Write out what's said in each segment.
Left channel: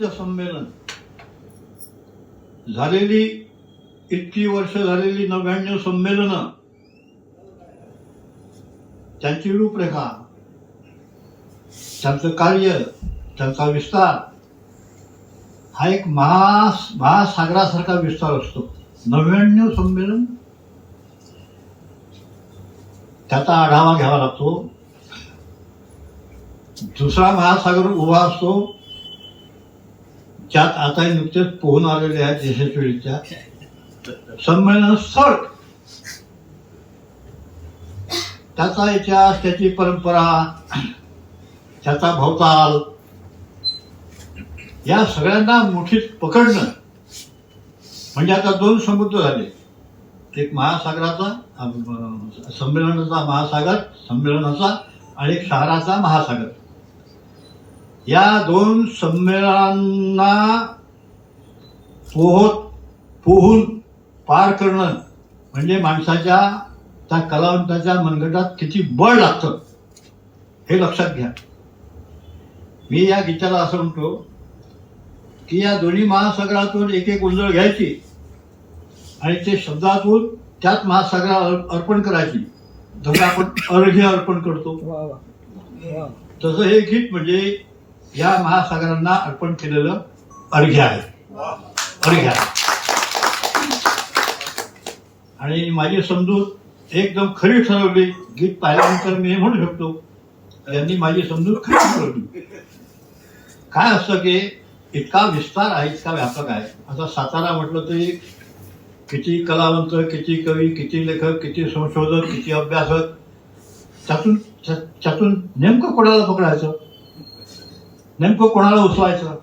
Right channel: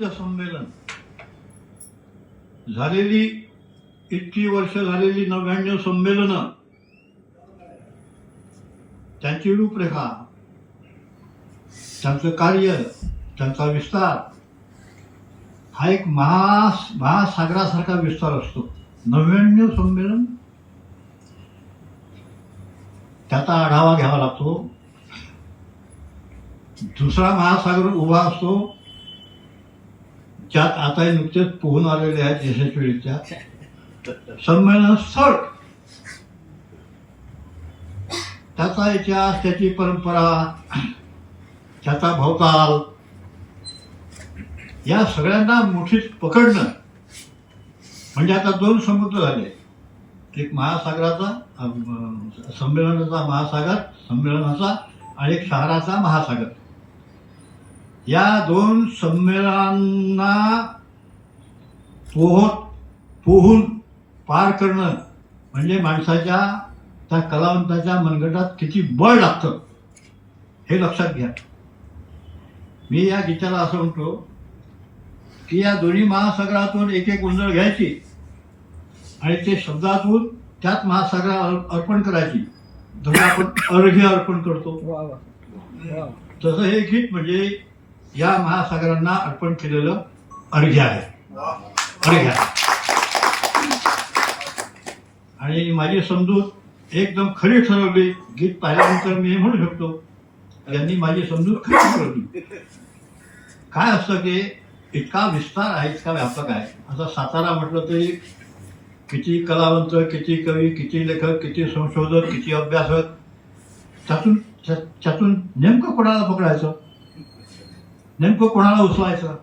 संमेलन झालेली इतकी वर्ष झालेली 99 संमेलन, त्यांची रूपरेखा, त्यांचं कार्य, त्यांचा विस्तार हा एक महासागरासारखा विस्तार असतो. 99 संमेलन, त्याचा आढावा घ्यावा लागतो. दुसरा महासागर उभा असतो, ज्यात आता नुकतेच पोहून आलेले आहेत यशस्वीरित्या. संमेलन स्थळ, त्याचा इतिहास, त्याची परंपरा, त्याचा भवताल, या सगळ्यांना मुठीत पकडणं म्हणजे आता 2 समुद्र झाले. एक महासागराचा, संमेलनाचा महासागर, संमेलनाचा, आणि एक शहराचा महासागर. या 2 संमेलनांना पोहून पार करणं म्हणजे माणसाच्या, त्या कलावंताच्या मनगटात किती बळ लागतं हे लक्षात घ्या. मी या गीताला असं म्हणतो की या दोन्ही महासागरातून एक एक उंजळ घ्यायची आणि ते शब्दातून त्याच महासागराला अर्पण करायची, जसं आपण अर्घ्य अर्पण करतो. तसं हे गीत म्हणजे या महासागरांना अर्पण केलेलं अर्घ्य आहे. अर्घ्य आहे. आणि माझी समजूत एकदम खरी ठरवली. गीत पाहिल्यानंतर मी म्हणू शकतो यांनी माझी समजूत खरी ठरवली. काय असतं की इतका विस्तार आहे, इतका व्यापक आहे. आता सातारा म्हटलं तरी किती कलावंत, किती कवी, किती लेखक, किती संशोधक, किती अभ्यासक, त्यातून नेमकं कोणाला पकडायचं, नेमकं कोणाला उचवायचं.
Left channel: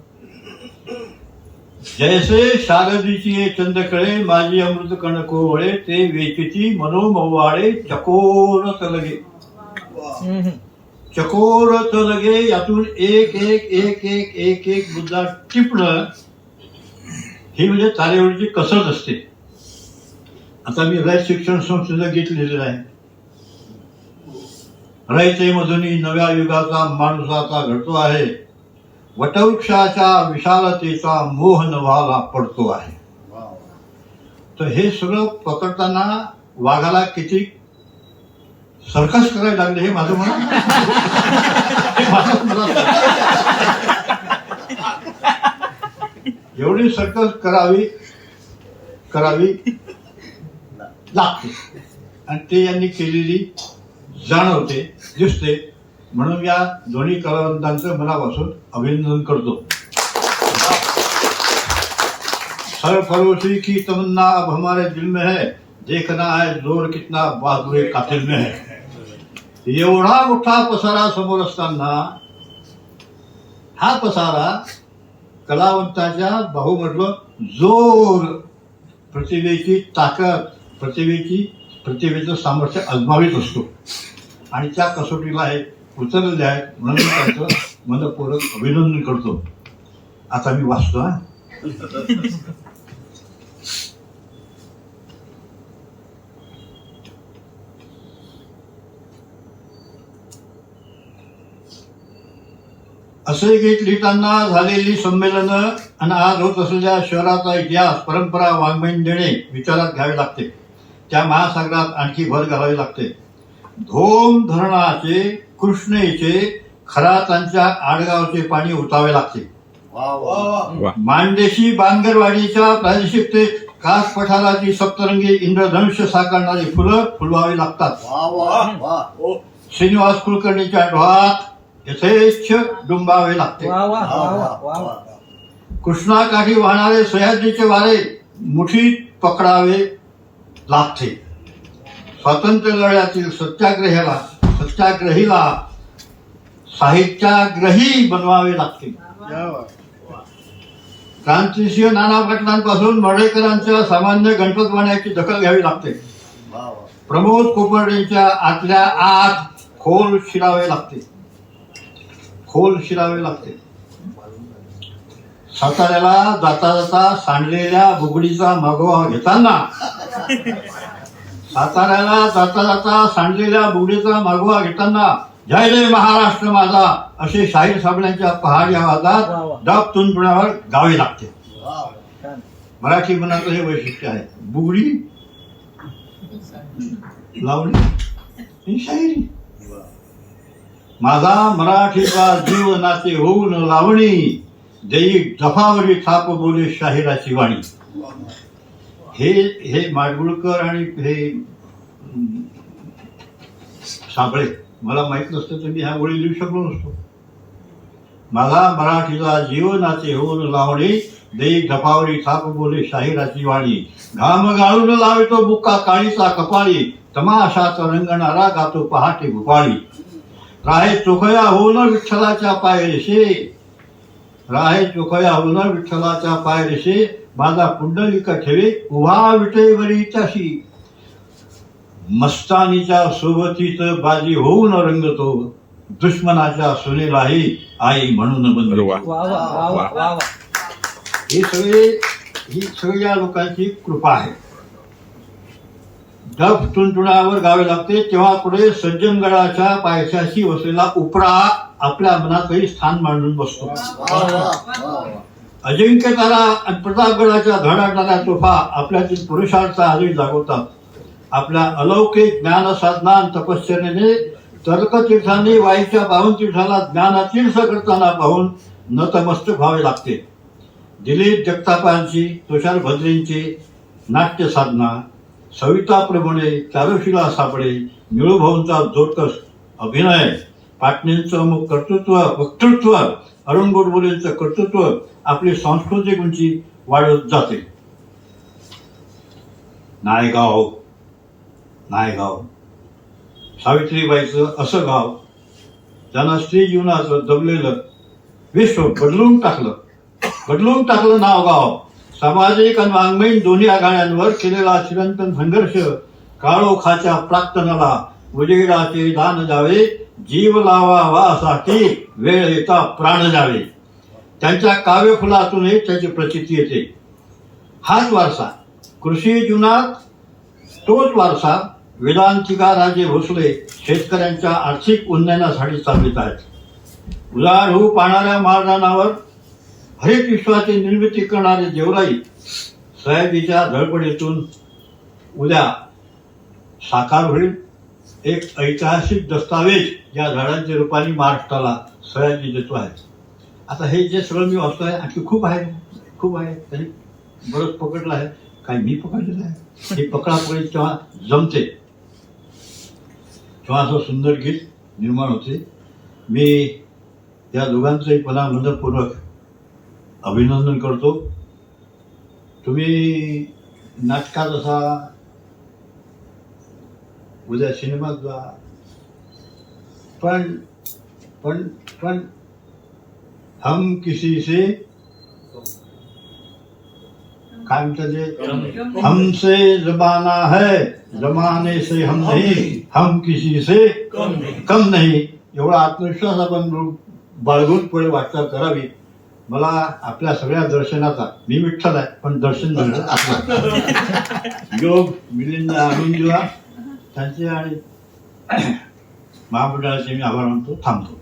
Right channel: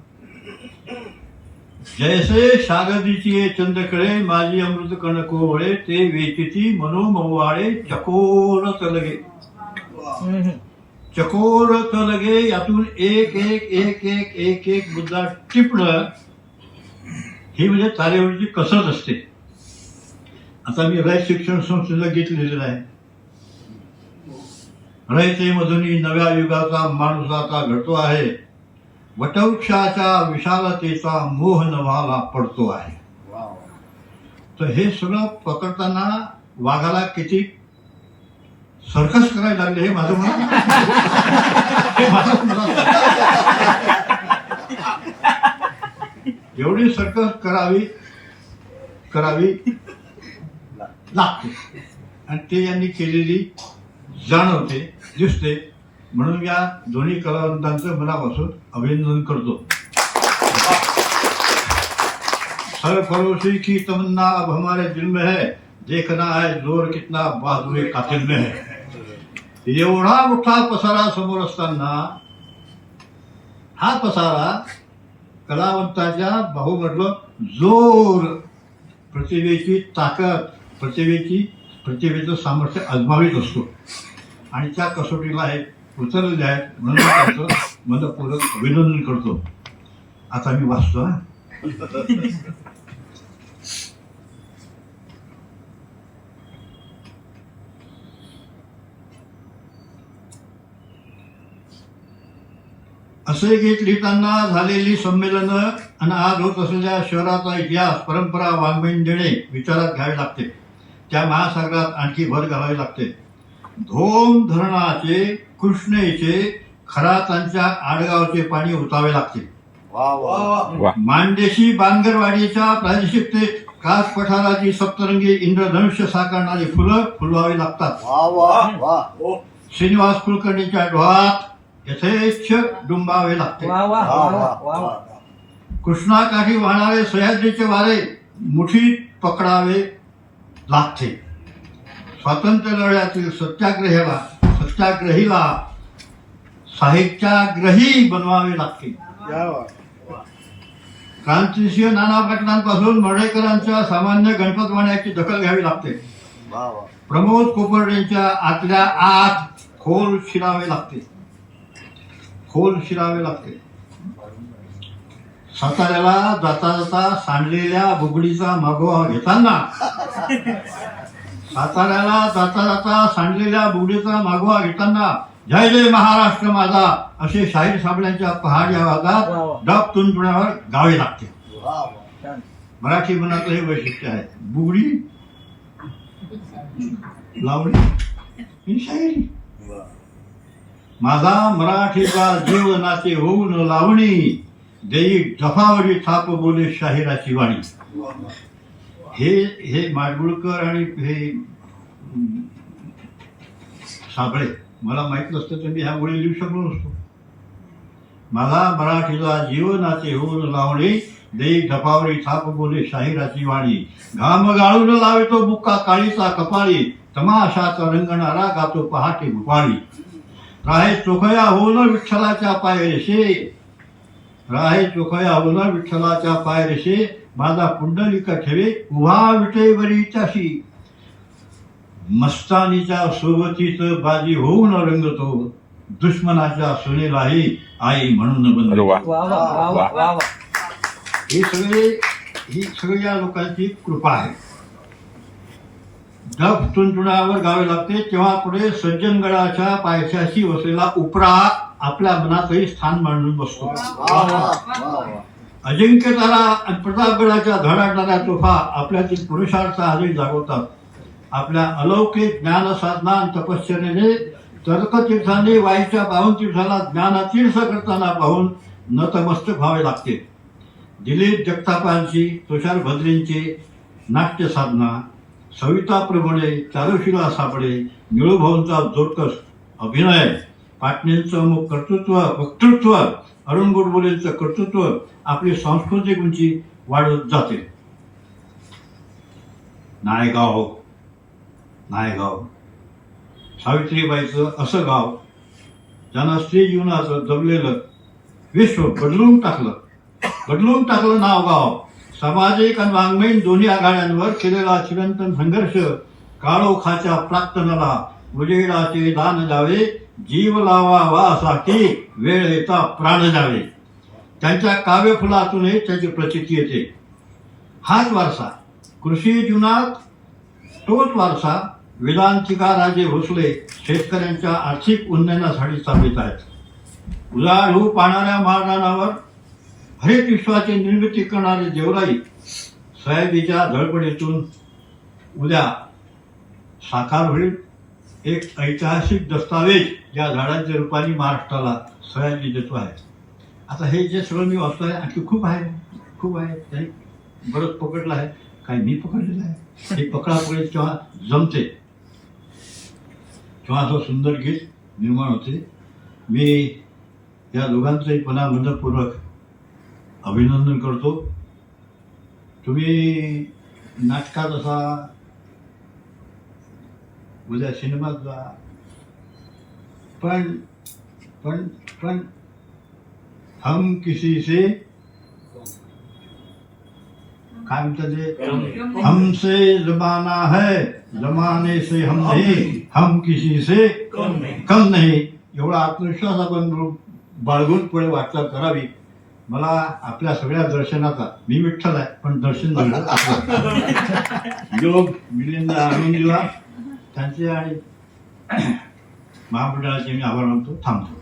जैसे शारदीची चंद्रकळे माझी अमृत कणको वळे, ते वेचिती मनोमवाळे चकोर तलगे. चकोर तलगे, यातून एक एक एक एक एक एक मुद्दा टिपणं ही म्हणजे तारेवरची कसरत असते. आता मी रयत शिक्षण संस्थेचं गीत लिहिलेलं आहे. रयते मधुनी नव्या युगाचा माणुसाचा घडतो आहे, वटवृक्षाच्या विशालतेचा मोह नवाला पडतो आहे. तर हे सगळं पकडताना वाघाला किती सर्कस करायला लागले हे माझं म्हणणं. एवढी सर्कस करावी लागते आणि ते यांनी केलेली जाणवते, दिसते. म्हणून या दोन्ही कलावंतांचं मनापासून अभिनंदन करतो. सरफरोशी की तमन्ना अब हमारे दिल में है, देखना है जोर कितना बहादुरी कातिल में है. एवढा मोठा पसारा समोर असताना हा पसारा कलावंताच्या बाहूमधलं जोर, प्रतिभेची ताकद, प्रतिभेचं सामर्थ्य अजमावित असतो. आणि त्या कसोटीला हे उतरलेले आहेत म्हणून त्याचं मनपूर्वक अभिनंदन करतो. आता मी वाचतो. असे गीत लिहिताना झालेली संमेलनं आणि आज होत असलेल्या शहराचा इतिहास, परंपरा, वाङ्मयीन देणे विचारात घ्यावे लागते. त्या महासागरात आणखी भर घालावी लागते. धोम धरणाचे, कृष्णेचे, खरातांच्या आडगावचे पाणी उतावे लागते. मांडेशी बांगरवाडीच्या प्रादेशिकतेत कास पठाराची सप्तरंगी इंद्रधनुष्य साकारणारी फुलं फुलवावी लागतात. श्रीनिवास कुलकर्णीच्या डोहात यथेच्छ डुंबावे लागते. कृष्णाकाठी वाहणारे सह्याद्रीचे वारे मुठीत पकडावे लागते. स्वातंत्र्य लढ्यातील सत्याग्रहीला साहित्याग्रही बनवावे लागते. क्रांतिसिंह नाना पाटलांपासून मर्ढेकरांच्या सामान्य गणपत वाण्याची दखल घ्यावी लागते. प्रमोद कोपर्डेंच्या आतल्या आत खोल शिरावे लागते. साताऱ्याला जाता जाता सांडलेल्या बुगडीचा मागोवा घेताना जय रे महाराष्ट्र माझा असे शाहीर साबळ्यांच्या पहाडी आवाजात डब तुंतुण्यावर गावे लागते. वा. मराठी मनातलं हे वैशिष्ट्य आहे. बुगडी, लावणी ही शायरी. माझा मराठीचा जीवनाचे होऊन लावणी, देई जफावरी थाप बोले शाहिराची वाणी. हे माडगुळकर आणि हे साबळे मला माहित नसतं तर मी ह्या ओळी लिहू शकलो नसतो. मला मराठीचा जीवनाचे होऊन लावणी, देई जफावरी थाप बोले शाहिराची वाणी. घाम गाळून लावतो बुक्का काळीचा कपाळी, तमाशाचा रंगणारा गातो पहाटे भुपाळी. राहे चोखया होऊन विठ्ठलाच्या पायरेशे, राहे चोखया होऊन विठ्ठलाच्या पायरेशे, माझा पुंडलिक ठेवे उभा विटेवरीच्याशी. मस्तानीच्या सोबतीच बाजी होऊन रंगतो, दुश्मनाच्या सुनेलाही आई म्हणून बनतो. वा वा वा वा. ही सगळी या लोकांची कृपा आहे. डब तुंतुण्यावर गावे लागते तेव्हा पुढे सज्जनगडाच्या पायथ्याशी वसलेला उपरा आपल्या मनातही स्थान मांडून बसतो. अजिंक्य तारा आणि प्रतापगडाच्या धडाडणाऱ्या तोफा आपल्यातील पुरुषार्थ आधी जागवतात. आपल्या अलौकिक ज्ञान साधना आणि तपश्चर्याने तर्कतीर्थाने वाईच्या पाहून तीर्थाला ज्ञानातीर्थ करताना पाहून नतमस्तक व्हावे लागते. दिलीप जगतापांची, तुषार भद्रेंची नाट्य साधना, सविता प्रभुणे, चारुशिला साबळे, निळूभाऊंचा जोरकस अभिनय, पाटणेंचं कर्तृत्व वक्तृत्व, अरुण गोडबोलेंचं कर्तृत्व आपली सांस्कृतिक उंची वाढत जाते. नायगाव, सावित्रीबाईचं असं गाव ज्यांना स्त्री जीवनाचं दबलेलं विश्व बदलून टाकलं नाव गाव. सामाजिक आणि वाङ्मयीन दोन्ही आघाड्यांवर केलेला चिरंतन संघर्ष, काळोखाच्या प्राक्तनाला उजेडाचे दान द्यावे, जीव लावावासाठी वेळ येता प्राण द्यावे. त्यांच्या काव्यफुलातूनही त्याची प्रचिती येते. हाच वारसा कृषी जीवनात, तोच वारसा वेदांतिका राजे भोसले शेतकऱ्यांच्या आर्थिक उन्नयनासाठी चालवित आहेत. उजाड होऊ पाहणाऱ्या महाराणावर हरित विश्वाची निर्मिती करणारे देवराई सयाजीच्या धडपडीतून उद्या साकार होईल. एक ऐतिहासिक दस्तावेज या झाडांच्या रूपाने महाराष्ट्राला सयाजी देतो आहे. आता हे जे सगळं मी वाचतो आहे आणखी खूप आहे. त्यांनी बरंच पकडलं आहे, काही मी पकडलेलं आहे. हे पकडापकडी तेव्हा जमते, तेव्हा असं सुंदर गीत निर्माण होते. मी या दोघांचंही पुन्हा मनपूर्वक अभिनंदन करतो. तुम्ही नाटकात असा, उद्या सिनेमात जा, पण हम किसी से काय म्हणतात ते, हमसे जमाना है जमाने से हम नहीं, हम किसी से कम नहीं. एवढा आत्मविश्वास आपण बाळगून पुढे वाटचाल करावी. मला आपल्या सगळ्या दर्शनाचा, मी विठ्ठल आहे पण दर्शन झालं योग मिलिंद आणून दिला त्यांचे आणि महामंडळाचे मी आभार मानतो. थांबतो.